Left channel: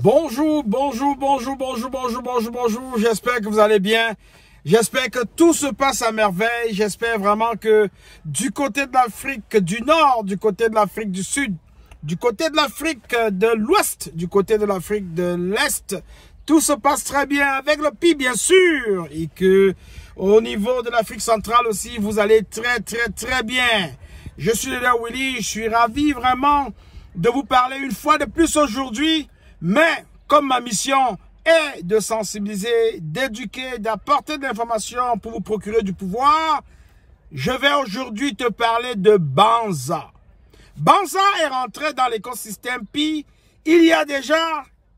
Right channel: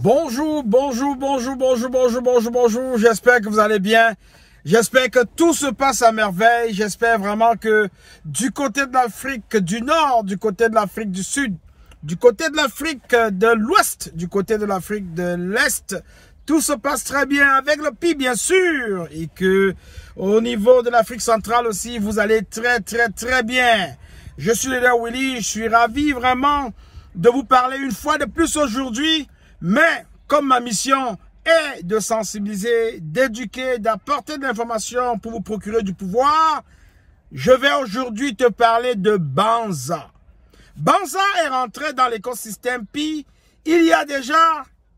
Bonjour, j'espère que vous allez bien. J'espère que tout se passe à merveille. J'espère vraiment que du côté de l'Afrique du Nord, du côté de l'Afrique du Sud, du côté de l'Afrique de l'Ouest, du côté de l'Afrique de l'Est, tout se passe très bien avec le pays bien sûr. Et que au niveau de l'Afrique centrale aussi, vous allez très bien. Je suis Leader Willy, je suis ravi vraiment de vous parler une fois de plus aujourd'hui. Mais comme ma mission est de sensibiliser, d'éduquer, d'apporter de l'information pour vous procurer du pouvoir, je vais aujourd'hui te parler de Banza. Banza est rentré dans l'écosystème Pi il y a déjà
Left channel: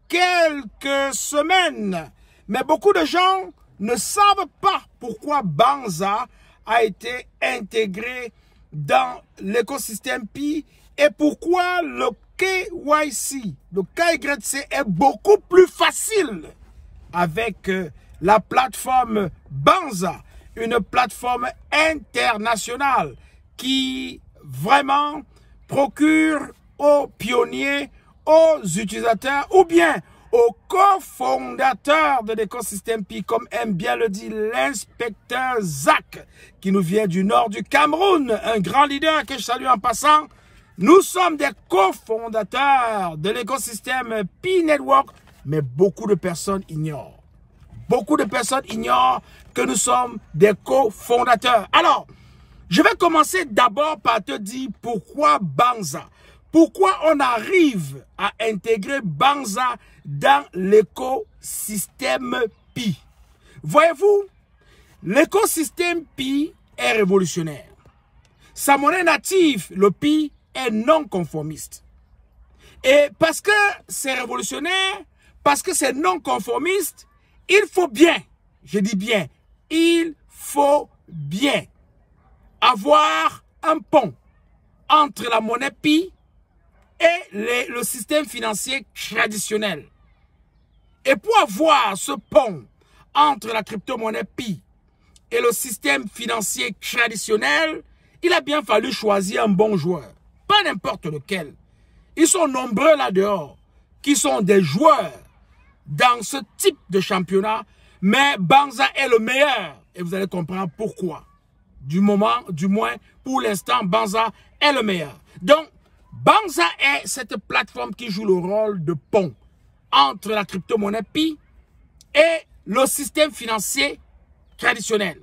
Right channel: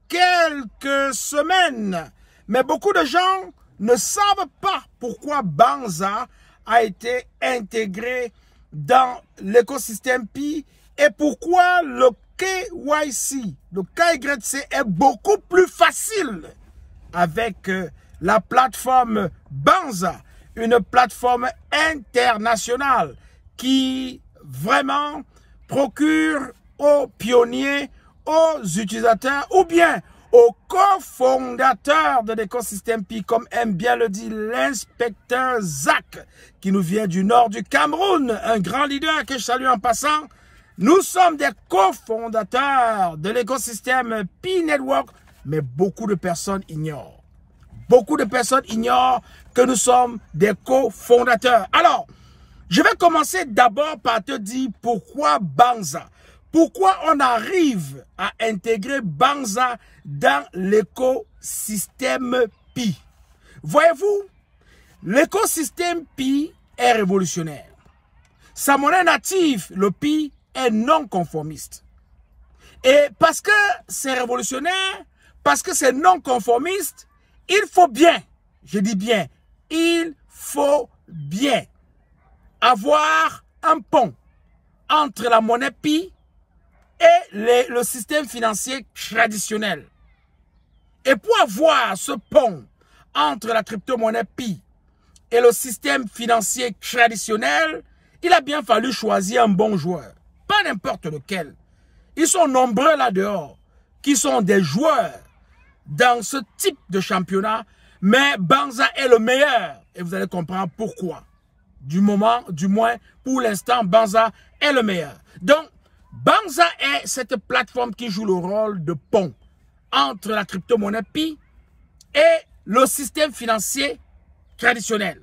quelques semaines. Mais beaucoup de gens ne savent pas pourquoi Banza a été intégré dans l'écosystème Pi et pourquoi le KYC, le KYC est beaucoup plus facile avec la plateforme Banza, une plateforme internationale qui vraiment procure aux pionniers, aux utilisateurs ou bien aux cofondateurs de l'écosystème Pi, comme aime bien le dire l'inspecteur Zach, qui nous vient du nord du Cameroun, un grand leader que je salue en passant. Nous sommes des cofondateurs de l'écosystème Pi Network, mais beaucoup de personnes ignorent. Beaucoup de personnes ignorent que nous sommes des cofondateurs. Alors, je vais commencer d'abord par te dire pourquoi Banza. Pourquoi on arrive à intégrer Banza dans l'écosystème Pi. Voyez-vous, l'écosystème Pi est révolutionnaire. Sa monnaie native, le Pi, est non conformiste. Et parce que c'est révolutionnaire, parce que c'est non conformiste, il faut bien, je dis bien, il faut bien avoir un pont entre la monnaie Pi et le système financier traditionnel. Et pour avoir ce pont entre la crypto-monnaie Pi et le système financier traditionnel, il a bien fallu choisir un bon joueur. Pas n'importe lequel. Ils sont nombreux là-dehors qui sont des joueurs dans ce type de championnat, mais Banza est le meilleur. Et vous allez comprendre pourquoi. Du moins pour l'instant, Banza est le meilleur. Donc, Banza est cette plateforme qui joue le rôle de pont entre la crypto-monnaie Pi et le système financier traditionnel.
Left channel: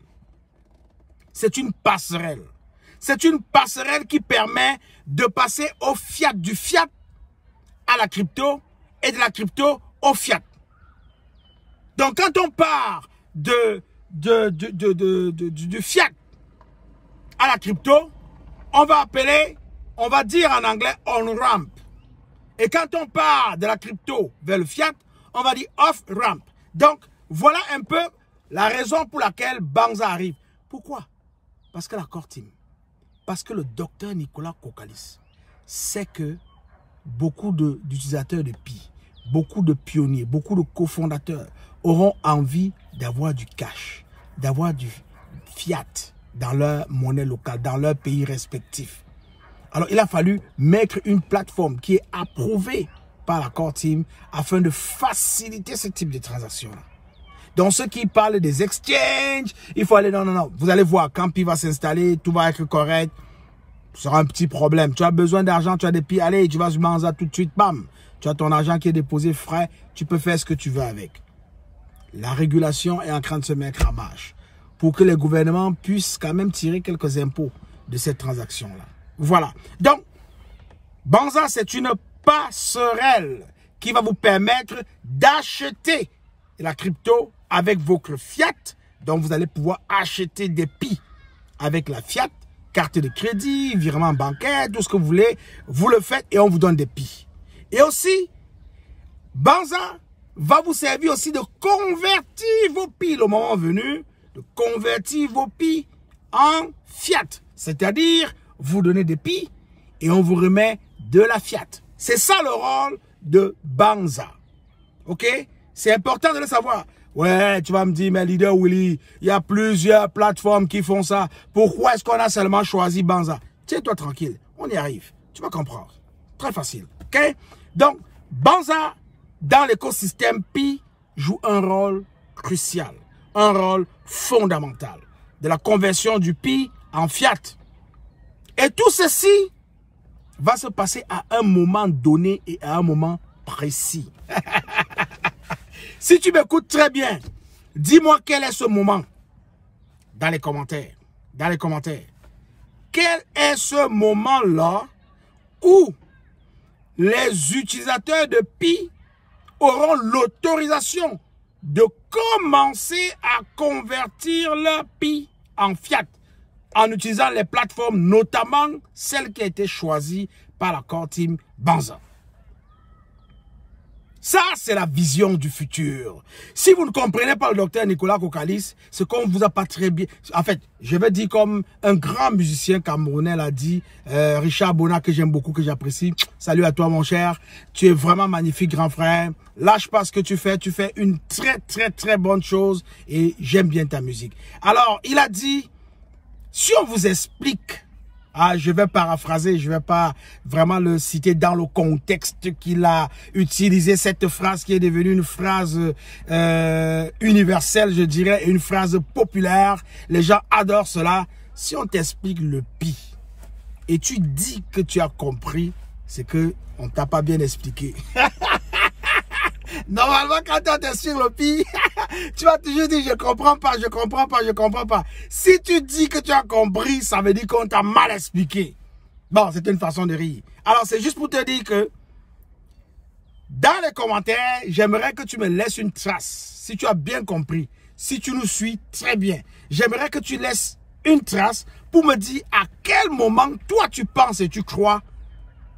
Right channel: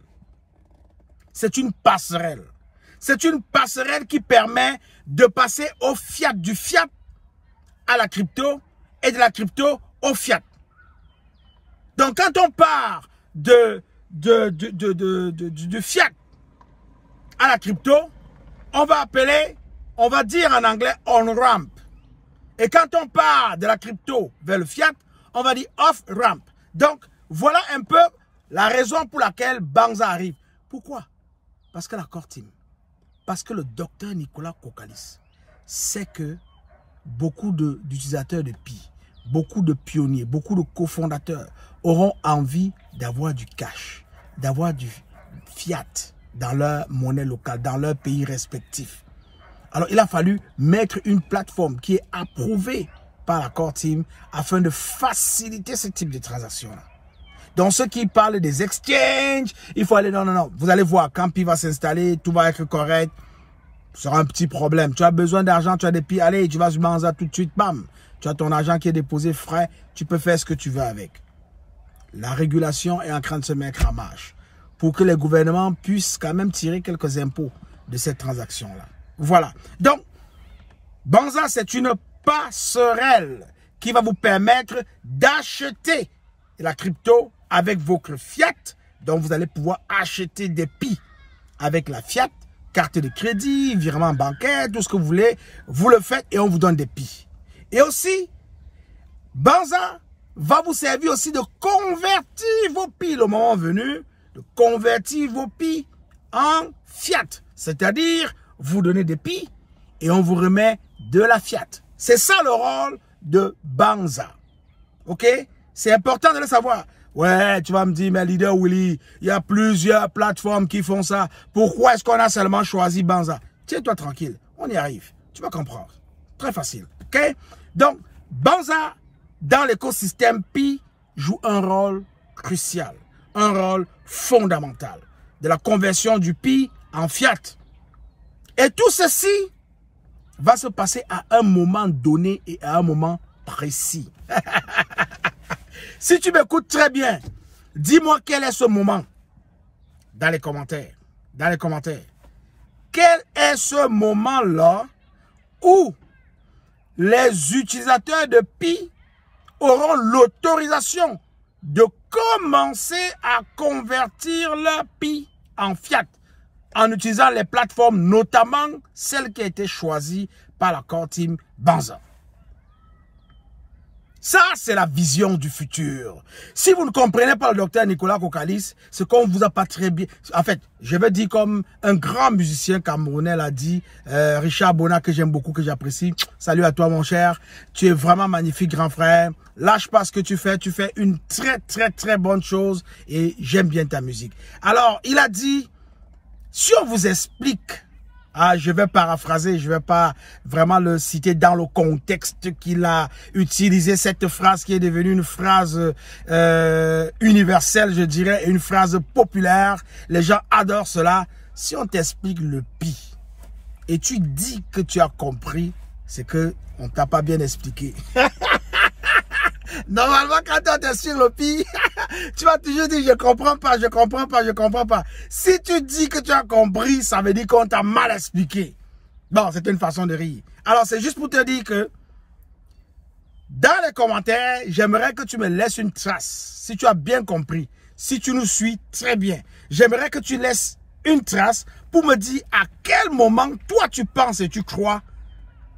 C'est une passerelle. C'est une passerelle qui permet de passer au fiat, du fiat à la crypto et de la crypto au fiat. Donc, quand on part du fiat à la crypto, on va dire en anglais on-ramp. Et quand on part de la crypto vers le fiat, on va dire off-ramp. Donc, voilà un peu la raison pour laquelle Banza arrive. Pourquoi? Parce que la core team, parce que le docteur Nicolas Kokalis sait que beaucoup d'utilisateurs de Pi, beaucoup de pionniers, beaucoup de cofondateurs auront envie d'avoir du cash, d'avoir du fiat dans leur monnaie locale, dans leur pays respectif. Alors, il a fallu mettre une plateforme qui est approuvée par la core team afin de faciliter ce type de transactions-là. Donc, ceux qui parlent des exchanges, il faut aller... Non. Vous allez voir, quand Pi va s'installer, tout va être correct. Ce sera un petit problème. Tu as besoin d'argent, tu as des Pi, allez, tu vas sur Banza tout de suite, bam. Tu as ton argent qui est déposé frais, tu peux faire ce que tu veux avec. La régulation est en train de se mettre en marche pour que les gouvernements puissent quand même tirer quelques impôts de cette transaction-là. Voilà. Donc, Banza, c'est une passerelle qui va vous permettre d'acheter la crypto avec votre fiat. Donc, vous allez pouvoir acheter des Pi avec la fiat, carte de crédit, virement bancaire, tout ce que vous voulez. Vous le faites et on vous donne des Pi. Et aussi, Banza va vous servir aussi de convertir vos Pi, le moment venu, de convertir vos Pi en fiat. C'est-à-dire, vous donnez des Pi et on vous remet de la fiat. C'est ça le rôle de Banza. OK? C'est important de le savoir. Ouais, tu vas me dire, mais Leader Willy, il y a plusieurs plateformes qui font ça. Pourquoi est-ce qu'on a seulement choisi Banza? Tiens-toi tranquille, on y arrive. Tu vas comprendre. Très facile. OK? Donc, Banza dans l'écosystème Pi joue un rôle crucial, un rôle fondamental de la conversion du Pi en fiat. Et tout ceci va se passer à un moment donné et à un moment précis. Si tu m'écoutes très bien, dis-moi quel est ce moment dans les commentaires. Dans les commentaires. Quel est ce moment-là où les utilisateurs de Pi auront l'autorisation de commencer à convertir leur Pi en fiat en utilisant les plateformes, notamment celles qui ont été choisies par la core team Banza. Ça, c'est la vision du futur. Si vous ne comprenez pas le docteur Nicolas Kokalis, c'est qu'on ne vous a pas très bien... En fait, je vais dire comme un grand musicien camerounais l'a dit, Richard Bona, que j'aime beaucoup, que j'apprécie. Salut à toi, mon cher. Tu es vraiment magnifique, grand frère. Lâche pas ce que tu fais une très bonne chose et j'aime bien ta musique. Alors, il a dit, si on vous explique... Ah, je vais paraphraser, je vais pas vraiment le citer dans le contexte qu'il a utilisé cette phrase qui est devenue une phrase universelle, je dirais, et une phrase populaire. Les gens adorent cela. Si on t'explique le Pi et tu dis que tu as compris, c'est que on t'a pas bien expliqué. Normalement, quand on t'explique le Pi, tu vas toujours dire je comprends pas, je comprends pas, je comprends pas. Si tu dis que tu as compris, ça veut dire qu'on t'a mal expliqué. Bon, c'est une façon de rire. Alors, c'est juste pour te dire que dans les commentaires, j'aimerais que tu me laisses une trace. Si tu as bien compris, si tu nous suis très bien, j'aimerais que tu laisses une trace pour me dire à quel moment toi tu penses et tu crois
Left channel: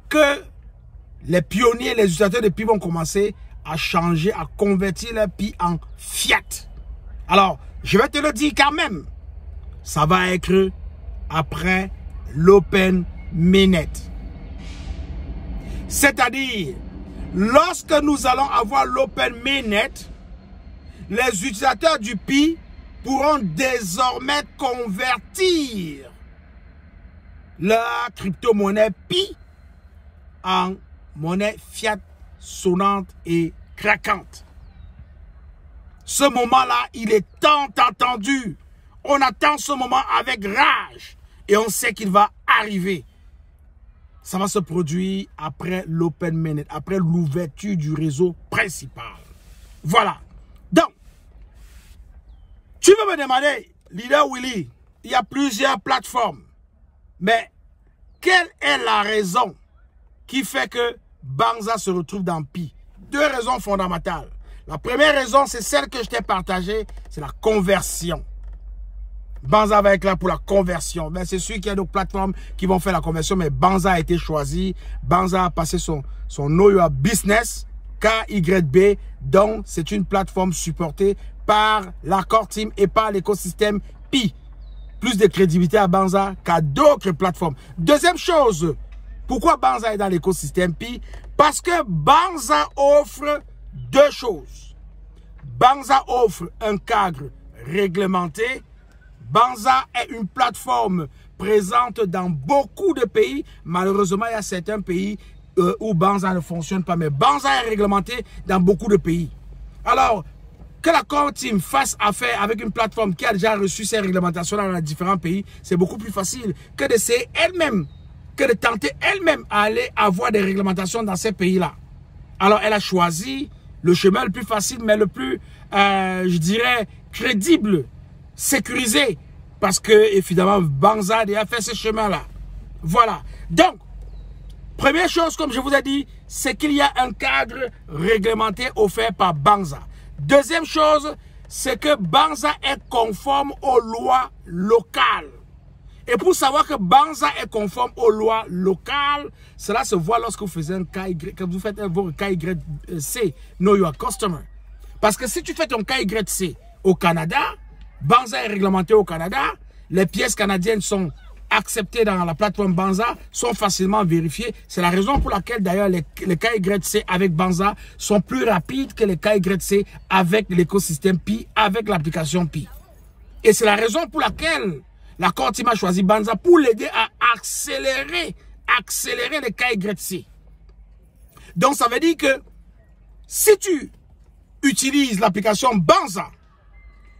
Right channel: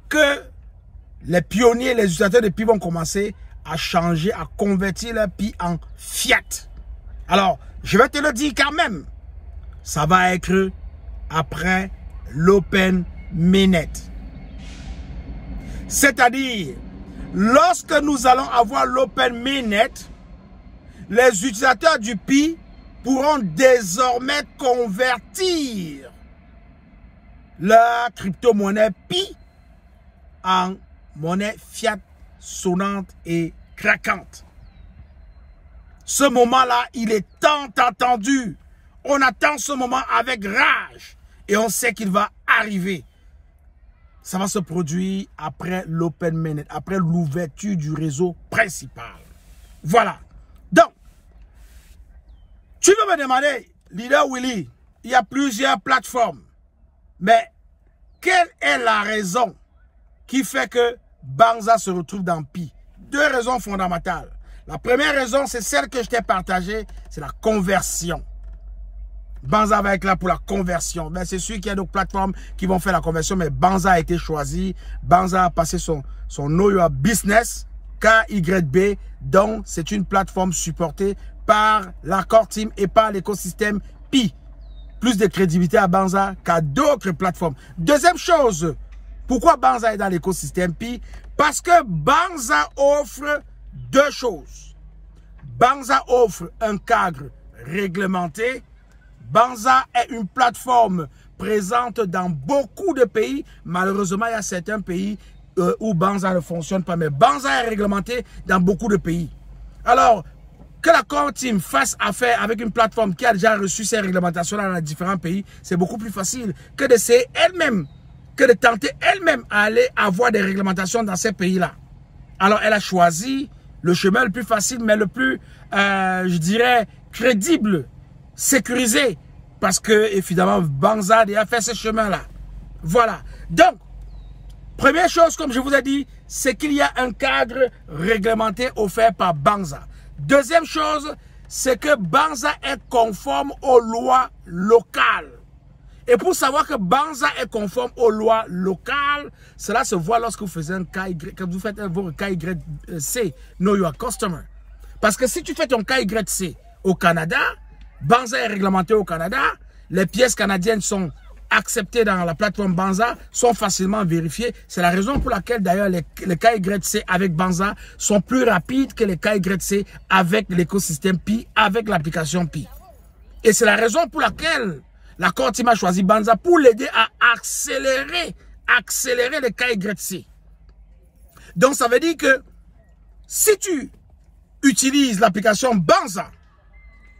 que les pionniers, les utilisateurs de Pi vont commencer à changer, à convertir leur Pi en fiat. Alors, je vais te le dire quand même. Ça va être après l'Open Mainnet. C'est-à-dire, lorsque nous allons avoir l'Open Mainnet, les utilisateurs du Pi pourront désormais convertir leur crypto-monnaie Pi en monnaie fiat sonnante et craquante. Ce moment-là, il est tant attendu. On attend ce moment avec rage et on sait qu'il va arriver. Ça va se produire après l'Open Mainnet, après l'ouverture du réseau principal. Voilà. Donc, tu veux me demander, Leader Willy, il y a plusieurs plateformes. Mais quelle est la raison qui fait que Banza se retrouve dans Pi? Deux raisons fondamentales. La première raison, c'est celle que je t'ai partagée, c'est la conversion. Banza va être là pour la conversion. Ben, c'est sûr qu'il y a d'autres plateformes qui vont faire la conversion, mais Banza a été choisi. Banza a passé son Know Your Business, KYB, donc c'est une plateforme supportée par la core team et par l'écosystème Pi. Plus de crédibilité à Banza qu'à d'autres plateformes. Deuxième chose, pourquoi Banza est dans l'écosystème Pi? Parce que Banza offre deux choses. Banza offre un cadre réglementé. Banza est une plateforme présente dans beaucoup de pays. Malheureusement, il y a certains pays où Banza ne fonctionne pas. Mais Banza est réglementé dans beaucoup de pays. Alors, que la core team fasse affaire avec une plateforme qui a déjà reçu ces réglementations dans différents pays, c'est beaucoup plus facile que d'essayer elle-même, que de tenter elle-même à aller avoir des réglementations dans ces pays-là. Alors, elle a choisi le chemin le plus facile, mais le plus, je dirais, crédible, sécurisé, parce que, évidemment, Banza a déjà fait ce chemin-là. Voilà. Donc, première chose, comme je vous ai dit, c'est qu'il y a un cadre réglementé offert par Banza. Deuxième chose, c'est que Banza est conforme aux lois locales. Et pour savoir que Banza est conforme aux lois locales, cela se voit lorsque vous faites un KYC, quand vous faites votre KYC, Know Your Customer. Parce que si tu fais ton KYC au Canada, Banza est réglementé au Canada, les pièces canadiennes sont acceptées dans la plateforme Banza, sont facilement vérifiées. C'est la raison pour laquelle d'ailleurs les KYC avec Banza sont plus rapides que les KYC avec l'écosystème Pi, avec l'application Pi. Et c'est la raison pour laquelle la core team a choisi Banza pour l'aider à accélérer les KYC. Donc ça veut dire que Si tu utilises l'application Banza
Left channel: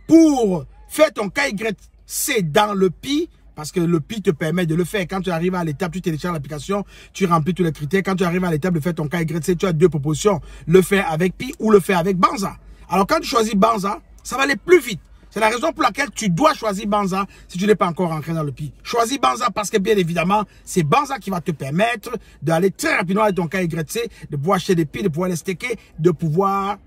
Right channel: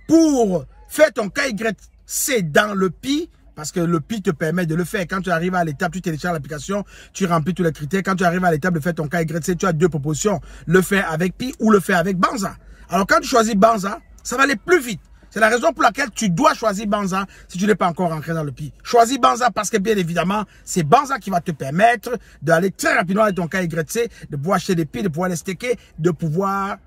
pour faire ton KYC dans le Pi, parce que le Pi te permet de le faire. Quand tu arrives à l'étape, tu télécharges l'application, tu remplis tous les critères. Quand tu arrives à l'étape de faire ton KYC, tu as deux propositions. Le faire avec Pi ou le faire avec Banza. Alors quand tu choisis Banza, ça va aller plus vite. C'est la raison pour laquelle tu dois choisir Banza si tu n'es pas encore rentré dans le Pi. Choisis Banza parce que bien évidemment, c'est Banza qui va te permettre d'aller très rapidement avec ton KYC, de pouvoir acheter des Pi, de pouvoir les staker, de pouvoir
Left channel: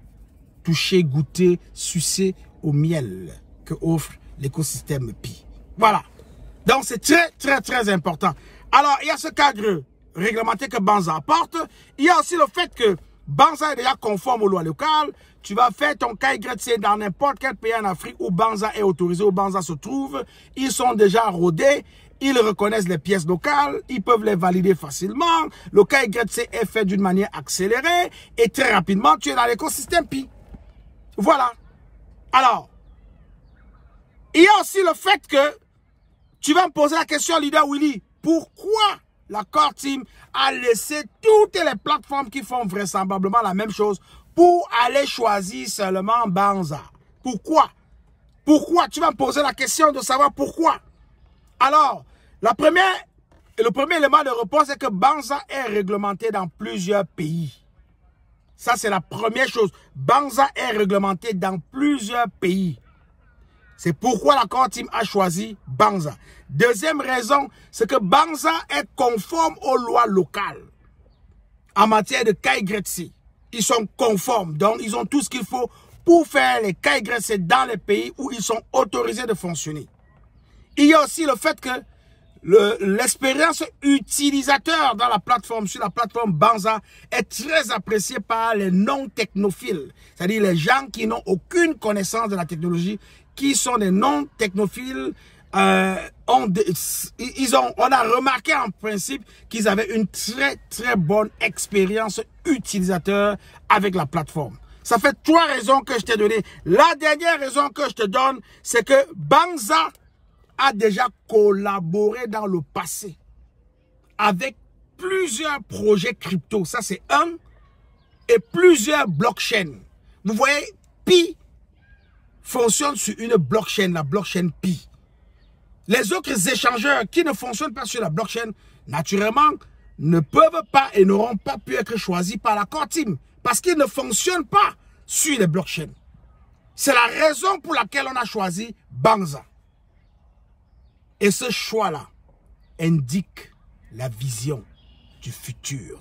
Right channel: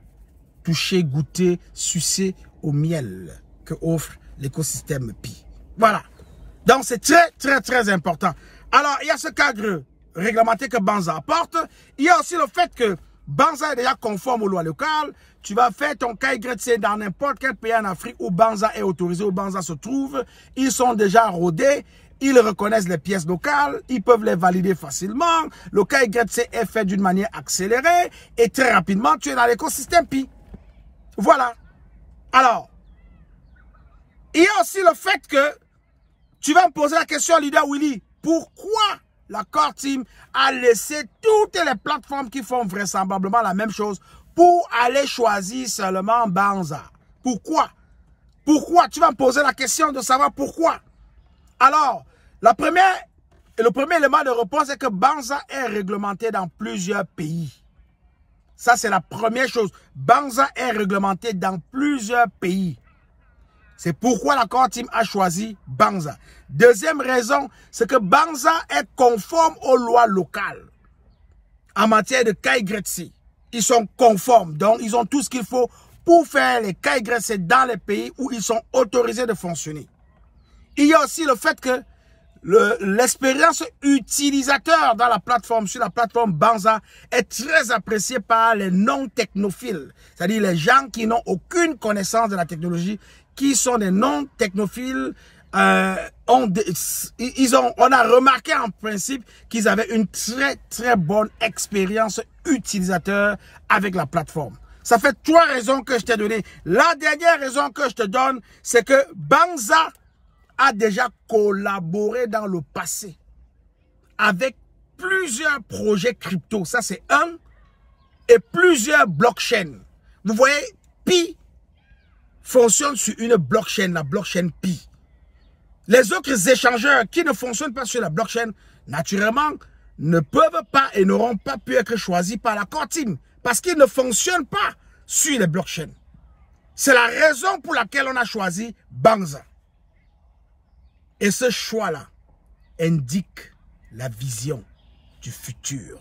toucher, goûter, sucer au miel que offre l'écosystème Pi. Voilà. Donc, c'est très important. Alors, il y a ce cadre réglementé que Banza apporte. Il y a aussi le fait que Banza est déjà conforme aux lois locales. Tu vas faire ton KYC dans n'importe quel pays en Afrique où Banza est autorisé, où Banza se trouve. Ils sont déjà rodés. Ils reconnaissent les pièces locales. Ils peuvent les valider facilement. Le KYC est fait d'une manière accélérée. Et très rapidement, tu es dans l'écosystème Pi. Voilà. Alors, il y a aussi le fait que tu vas me poser la question, Leader Willy, pourquoi la Core Team a laissé toutes les plateformes qui font vraisemblablement la même chose pour aller choisir seulement Banza? Pourquoi? Pourquoi? Tu vas me poser la question de savoir pourquoi. Alors, le premier élément de réponse est que Banza est réglementé dans plusieurs pays. Ça, c'est la première chose. Banza est réglementé dans plusieurs pays. C'est pourquoi la Core Team a choisi Banza. Deuxième raison, c'est que Banza est conforme aux lois locales. En matière de KYC, ils sont conformes. Donc, ils ont tout ce qu'il faut pour faire les KYC dans les pays où ils sont autorisés de fonctionner. Il y a aussi le fait que l'expérience utilisateur dans la plateforme, sur la plateforme Banza, est très appréciée par les non-technophiles. C'est-à-dire les gens qui n'ont aucune connaissance de la technologie, qui sont des non-technophiles. On a remarqué en principe qu'ils avaient une très bonne expérience utilisateur avec la plateforme. Ça fait 3 raisons que je t'ai données. La dernière raison que je te donne, c'est que Banza a déjà collaboré dans le passé avec plusieurs projets crypto. Ça, c'est un. Et plusieurs blockchains. Vous voyez, Pi fonctionne sur une blockchain, la blockchain Pi. Les autres échangeurs qui ne fonctionnent pas sur la blockchain, naturellement, ne peuvent pas et n'auront pas pu être choisis par la Core Team parce qu'ils ne fonctionnent pas sur les blockchains. C'est la raison pour laquelle on a choisi Banza. Et ce choix-là indique la vision du futur.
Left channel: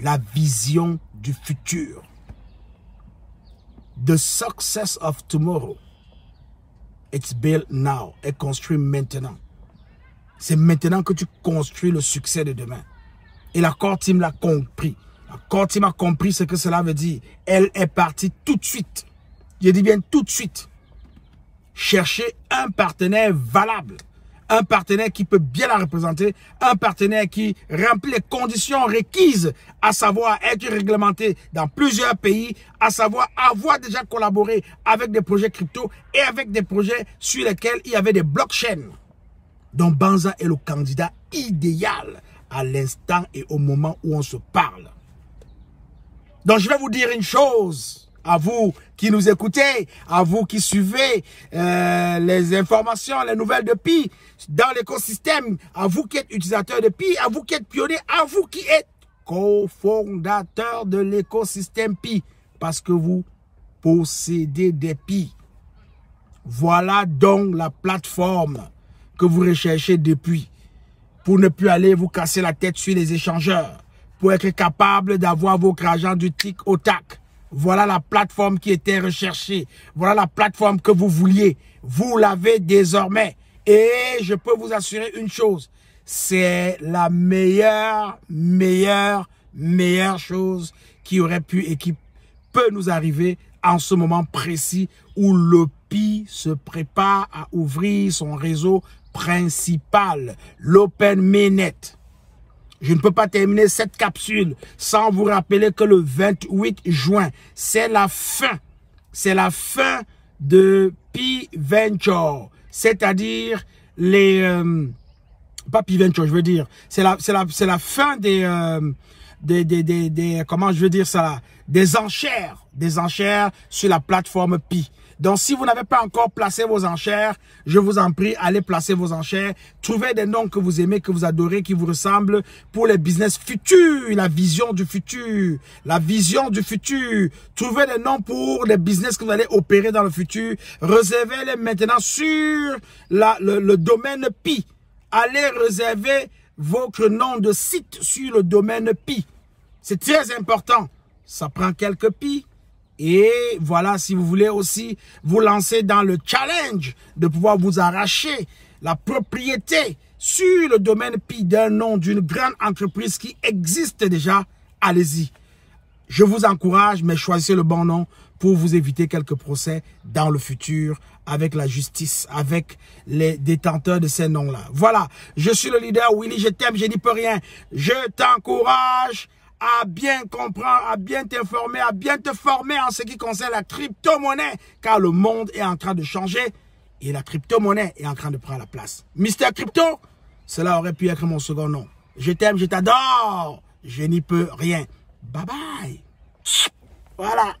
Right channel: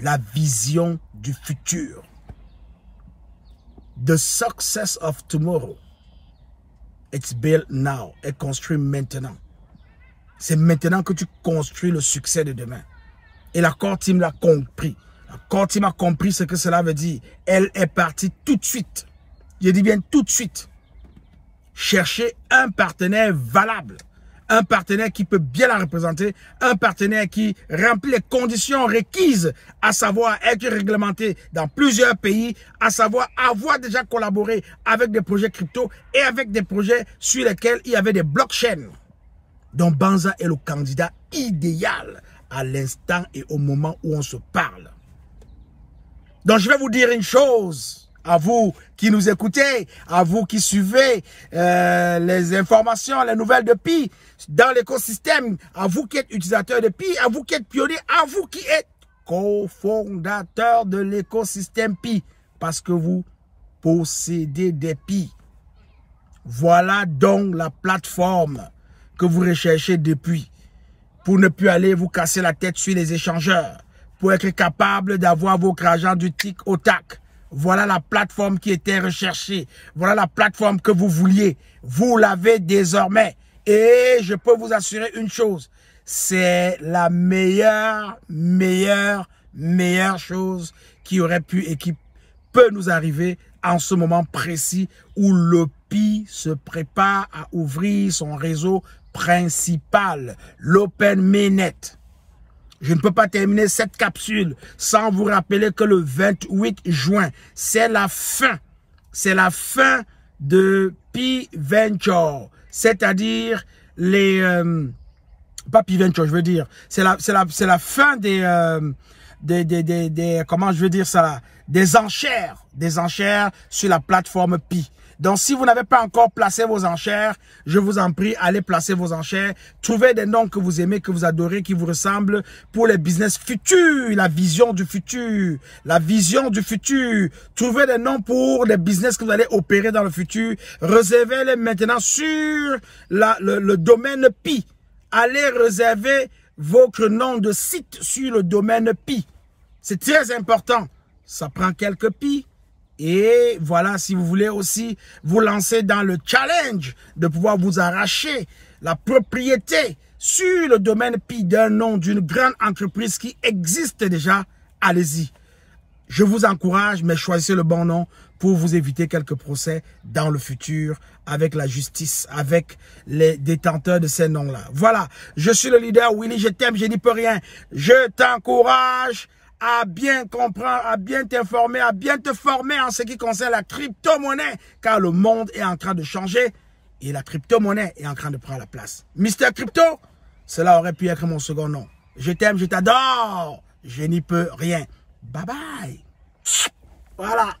La vision du futur. The success of tomorrow. It's built now. Est construit maintenant. C'est maintenant que tu construis le succès de demain. Et la Core Team l'a compris. La Core Team a compris ce que cela veut dire. Elle est partie tout de suite. Je dis bien tout de suite. Chercher un partenaire valable. Un partenaire qui peut bien la représenter. Un partenaire qui remplit les conditions requises, à savoir être réglementé dans plusieurs pays, à savoir avoir déjà collaboré avec des projets crypto et avec des projets sur lesquels il y avait des blockchains. Donc Banza est le candidat idéal à l'instant et au moment où on se parle. Donc je vais vous dire une chose. À vous qui nous écoutez, à vous qui suivez les informations, les nouvelles de Pi dans l'écosystème, à vous qui êtes utilisateur de Pi, à vous qui êtes pionnier, à vous qui êtes cofondateur de l'écosystème Pi, parce que vous possédez des Pi. Voilà donc la plateforme que vous recherchez depuis, pour ne plus aller vous casser la tête sur les échangeurs, pour être capable d'avoir votre argent du tic au tac. Voilà la plateforme qui était recherchée. Voilà la plateforme que vous vouliez. Vous l'avez désormais. Et je peux vous assurer une chose. C'est la meilleure chose qui aurait pu et qui peut nous arriver en ce moment précis où le Pi se prépare à ouvrir son réseau principal, l'Open Mainnet. Je ne peux pas terminer cette capsule sans vous rappeler que le 28 juin, c'est la fin de Pi Venture. C'est-à-dire les... pas Pi Venture, je veux dire. C'est la fin des... comment je veux dire ça, des enchères sur la plateforme Pi. Donc, si vous n'avez pas encore placé vos enchères, je vous en prie, allez placer vos enchères. Trouvez des noms que vous aimez, que vous adorez, qui vous ressemblent pour les business futurs, la vision du futur, la vision du futur. Trouvez des noms pour les business que vous allez opérer dans le futur. Réservez-les maintenant sur le domaine Pi. Allez réserver votre nom de site sur le domaine Pi. C'est très important. Ça prend quelques Pi. Et voilà, si vous voulez aussi vous lancer dans le challenge de pouvoir vous arracher la propriété sur le domaine Pi d'un nom d'une grande entreprise qui existe déjà, allez-y. Je vous encourage, mais choisissez le bon nom pour vous éviter quelques procès dans le futur avec la justice, avec les détenteurs de ces noms-là. Voilà, je suis le leader Willy, je t'aime, je n'y peux rien. Je t'encourage à bien comprendre, à bien t'informer, à bien te former en ce qui concerne la crypto-monnaie, car le monde est en train de changer et la crypto-monnaie est en train de prendre la place. Mister Crypto, cela aurait pu être mon second nom. Je t'aime, je t'adore, je n'y peux rien. Bye bye. Voilà.